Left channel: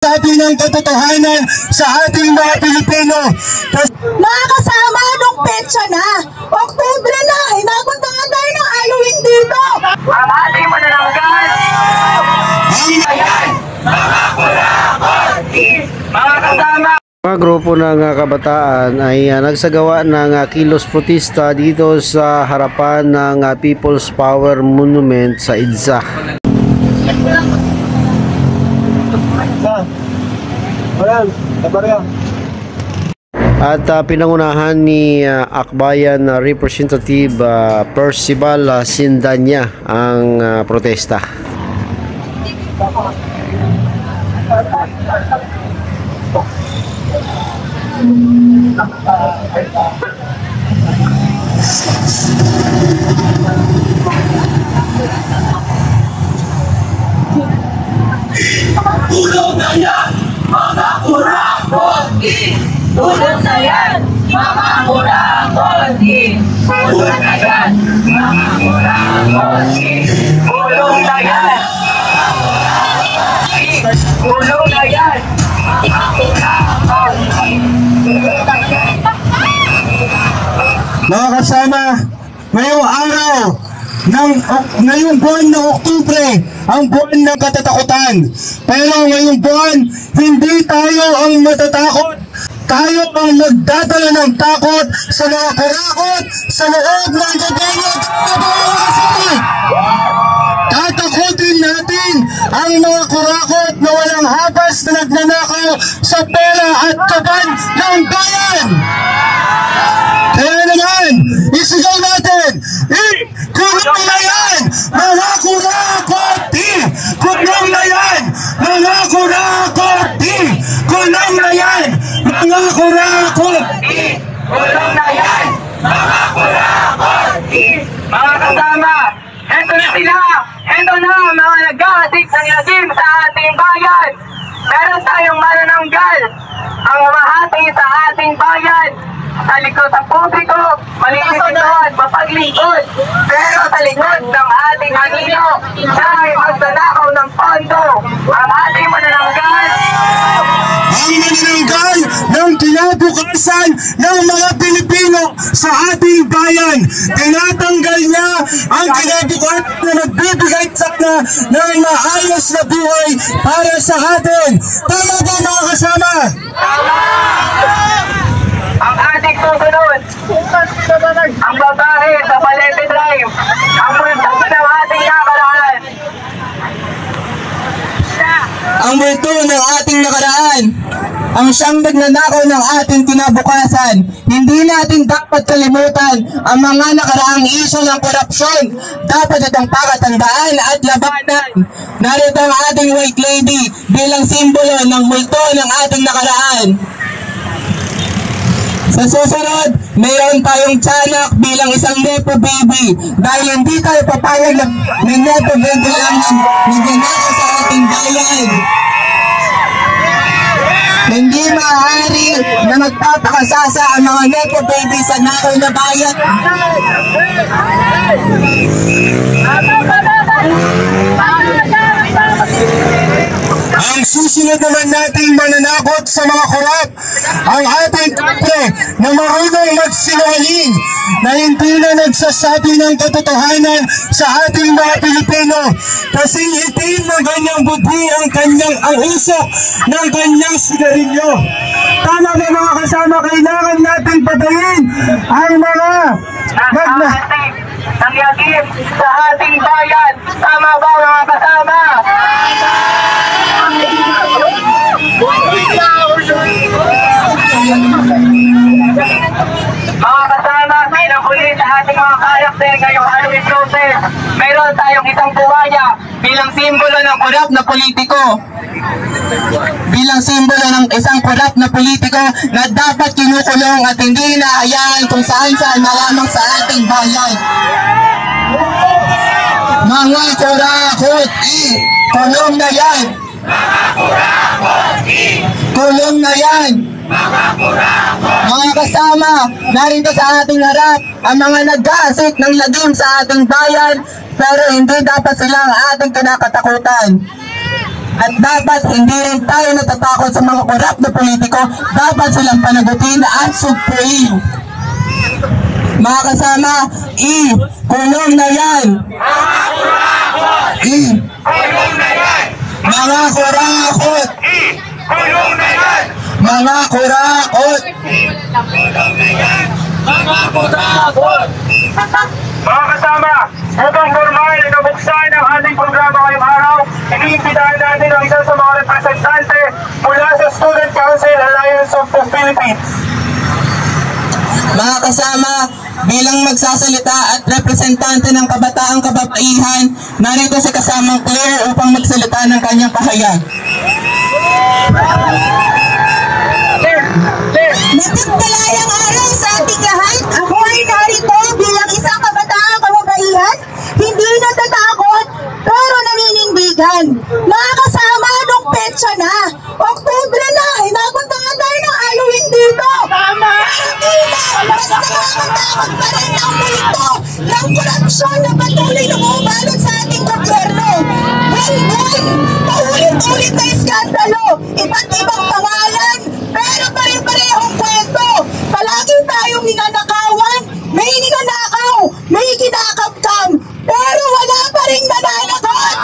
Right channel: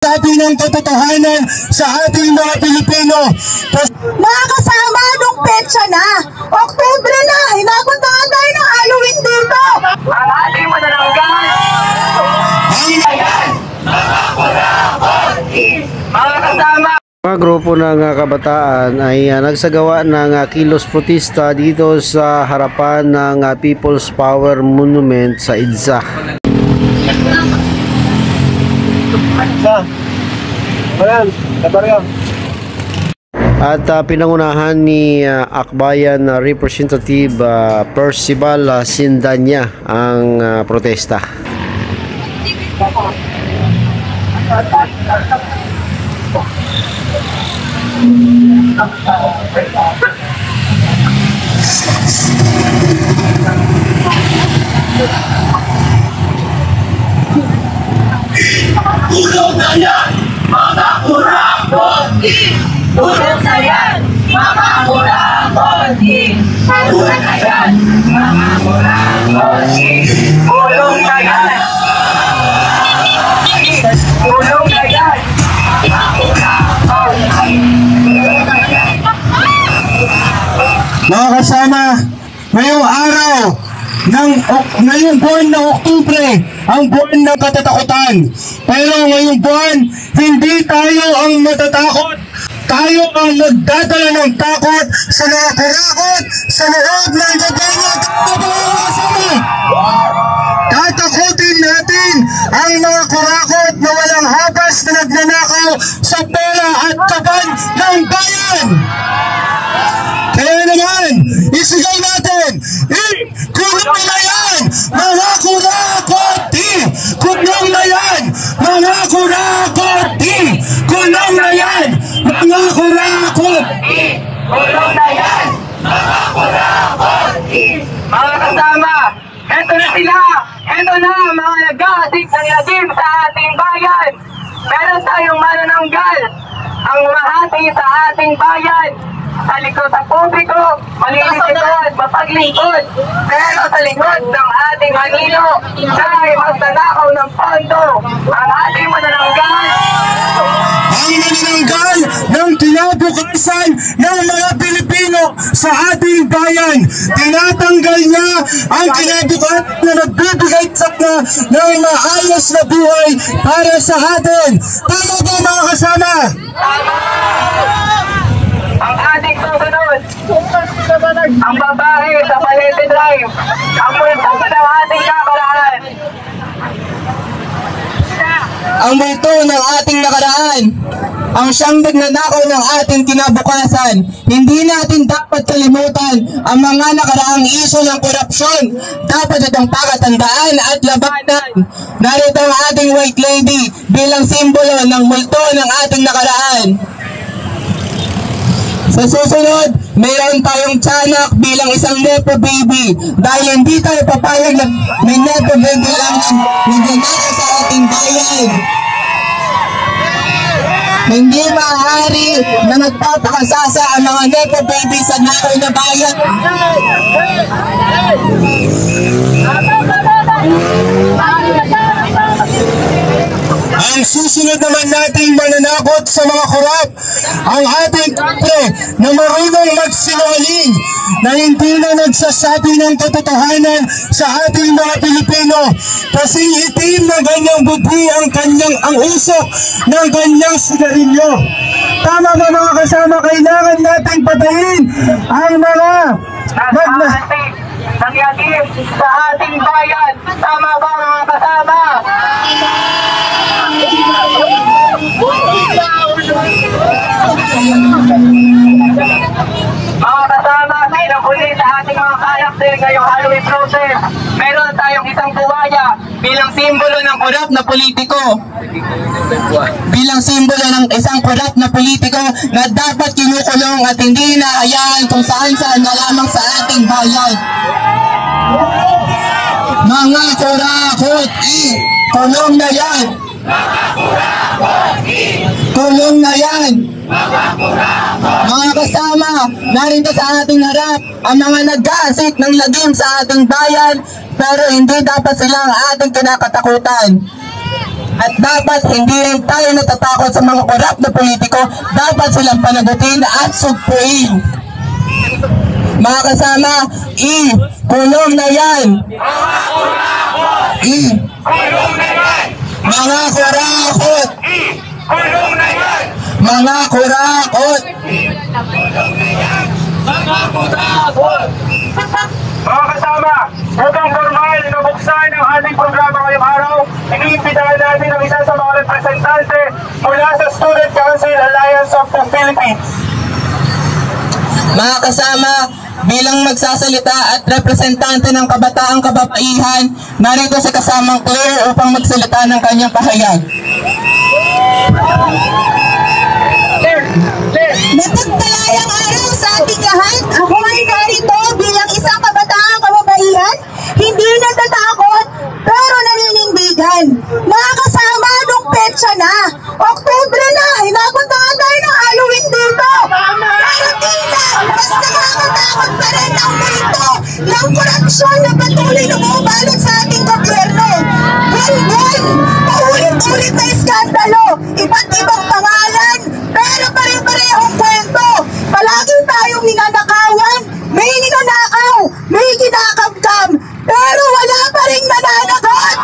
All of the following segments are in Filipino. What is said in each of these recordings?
Sabi ng katotohanan sa ating mga Pilipino. Mga kasama, nung petsa na, Oktubre na, hinapuntahan tayo ng Halloween dito. Ang ating manananggal, mga kasama. Mga grupo ng kabataan ay nagsagawa ng kilos protesta dito sa harapan ng People's Power Monument sa EDSA. At pinangunahan ni Akbayan Representative Percival Sindanya ang protesta. Tulog na yan, mga kurang-konti! Tulog na yan, mga kurang-konti! Tulog na yan, mga kurang-konti! Tulog na yan! Tulog na yan, mga kurang-konti! Mga kasama, ngayong araw, ngayong buwan ng Oktubre, ang buwan ng katatakutan. Pero ngayong buwan, hindi tayo ang matatakot. Tayo ang magdadala ng takot sa mga kurakot sa loob ng gobyerno. Tatakutin natin ang mga kurakot na walang habas na nagnanakaw sa pera at kaban ng bayan. Kaya naman, isigaw natin, kulong na yan, mga kurakot! Kulong na yan, mga kurakot! Kulong na yan, mga kurakot! Kulong na yan, mga kurakot! Mga kasama, eto na sila! Eto na mga nag-aasik ng lagim sa ating bayan! Meron tayong manananggal ang mahati sa ating bayan! Sa likod ng publiko, malinis ito at mapaglingkod. Pero sa likod ng ating anino, siya ay magdanakaw ng pondo. Ang ating manananggal. Ang manananggal ng kinabukasan ng mga Pilipino sa ating bayan. Tinatanggal niya ang kinabukasan na nagbibigay sana ng maayos na buhay para sa atin. Tama ba mga kasama? Ang ating susunod, ang babae sa Palete Drive, ang pulsa ng ating nakaraan. Ang multo ng ating nakaraan, ang siyang nagnanakaw ng ating kinabukasan. Hindi natin dapat kalimutan ang mga nakaraang isyu ng korupsyon. Dapat itong pakatandaan at labanan. Narito ang ating White Lady bilang simbolo ng multo ng ating nakaraan. Sa susunod, mayroon tayong tiyanak bilang isang nepo baby dahil hindi tayo papayag na may nepo baby lang nagnanakaw sa ating bayan. Hindi maaari na nagpapakasasa ang mga nepo baby sa naroy na bayan. Ang susunod naman nating mananakot sa mga korap, ang ating kapre na marunong magsinungaling, na hindi na nagsasabi ng katotohanan sa ating mga Pilipino. Kasi itim ng kanyang budhi ang usok ng kanyang sigarilyo. Tama ba mga kasama, kailangan natin patayin ang mga nangyagip sa ating bayan. Tama ba mga kasama? Mga kasama, pinakuli sa ating mga karakter ngayong Halloween process. Meron tayong isang buwaya bilang simbolo ng korap na politiko. Bilang simbolo ng isang korap na politiko na dapat kinukulong at hindi hinahayaan kung saan-saan na lamang sa ating bayan. Mga kurakot, kulong na yan! Kulong na yan! Mga kasama, narito sa ating harap ang mga nag-aasik ng lagim sa ating bayan, pero hindi dapat sila ang ating kinakatakutan. At dapat hindi rin tayo natatakot sa mga korap na politiko, dapat silang panagutin at sugpuin. Mga kasama, kulong na yan! Kulong na yan! Mga kurakot! Kulong na yan! Mga kurakot! Kulong na yan! Mga kurakot! Mga kasama, upang formal inubuksan ang ating programa ngayong araw, iniimbitahan natin ang isa sa mga representante mula sa Student Council Alliance of the Philippines. Mga kasama, bilang magsasalita at representante ng kabataang kababaihan, narito si kasamang Claire upang magsalita ng kanyang pahayag. Mapagpalayang araw sa ating lahat. Ako ay narito bilang isang kabataang kababaihan, hindi natatakot pero naninindigan. Mga kasama, nung petsa na, Oktubre na, hinapuntahan tayo ng Halloween dito. Mas nakakatakot pa rin ang multo ng korupsyon na patuloy na bumabalot sa ating gobyerno. Buwan-buwan, paulit-ulit na iskandalo, iba't ibang pangalan, pero pare-parehong kwento. Palagi tayong ninanakawan, may ninanakaw, may kinakabkam, pero wala pa rin nananagot.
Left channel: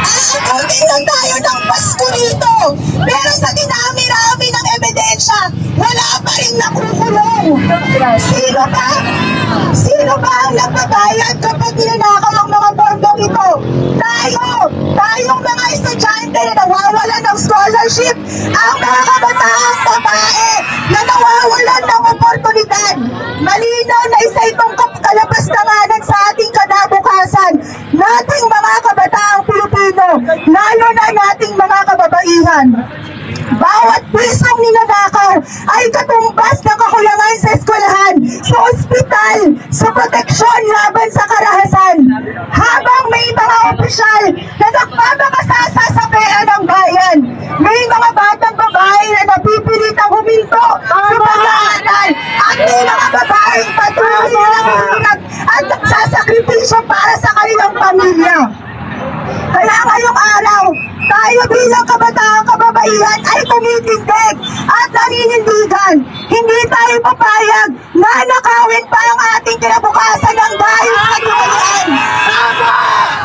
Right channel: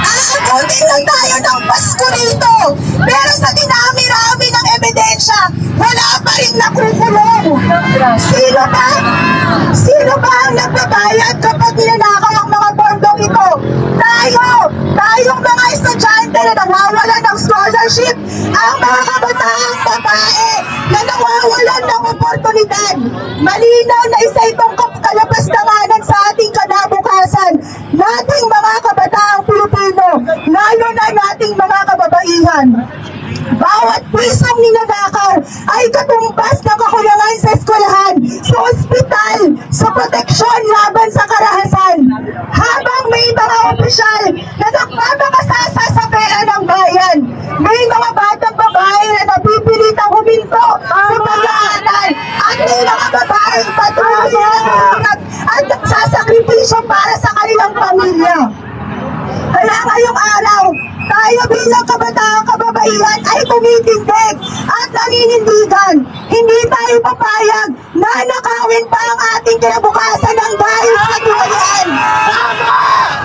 Aakutin lang tayo ng Pasko rito, pero sa dinami-rami ng ebidensya, wala pa rin nakukulong. Sino ba ang nagbabayad kapag ninanakaw ang mga bondong ito? Tayong mga estudyante na nawawalan ng scholarship, ang mga kabataang babae na nawawalan ng oportunidad. Malinaw na isa itong kalabas-tanganan sa ating kinabukasan nating mga kabataang Pilipino, lalo na nating mga kababaihan. Bawat pisong ninanakaw ay katumbas ng kakulangan sa eskwelahan, sa ospital, sa proteksyon laban sa karahasan. Habang may mga opisyal na nagpapakasasa sa pera ng bayan, may mga batang babae na napipilitang huminto sa pag-aaral at may mga babaeng patuloy na naghihirap at nagsasakripisyo para sa kanilang pamilya. Kaya ngayong araw, tayo bilang kabataang kababaihan ay tumitindig at naninindigan. Hindi tayo papayag na nakawin pa ang ating kinabukasan ng dahil sa tiwalaan.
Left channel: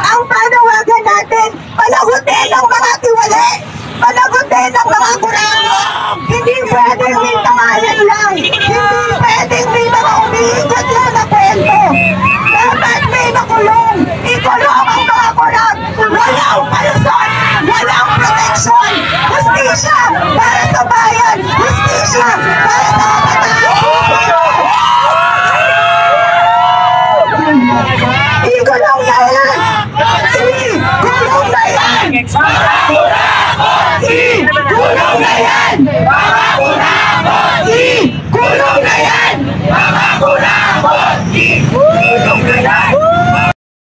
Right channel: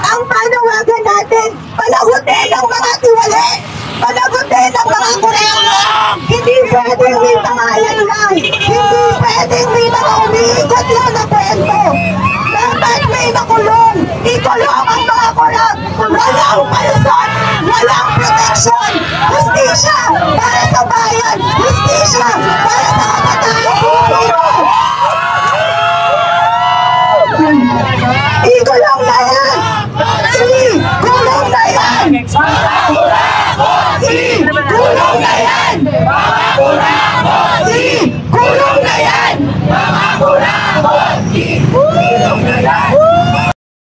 Ang panawagan natin, panagutin ang mga tiwali, panagutin ang mga kurangot. Hindi pwedeng may pangalan lang, hindi pwedeng may mga umiikot lang na kwento. Dapat may makulong, ikulong ang mga kurang. Walang palusot, walang proteksyon. Justisya para sa bayan, justisya para sa kabataan. Ikulong na yan! Ikulong na yan! Ikulong na yan!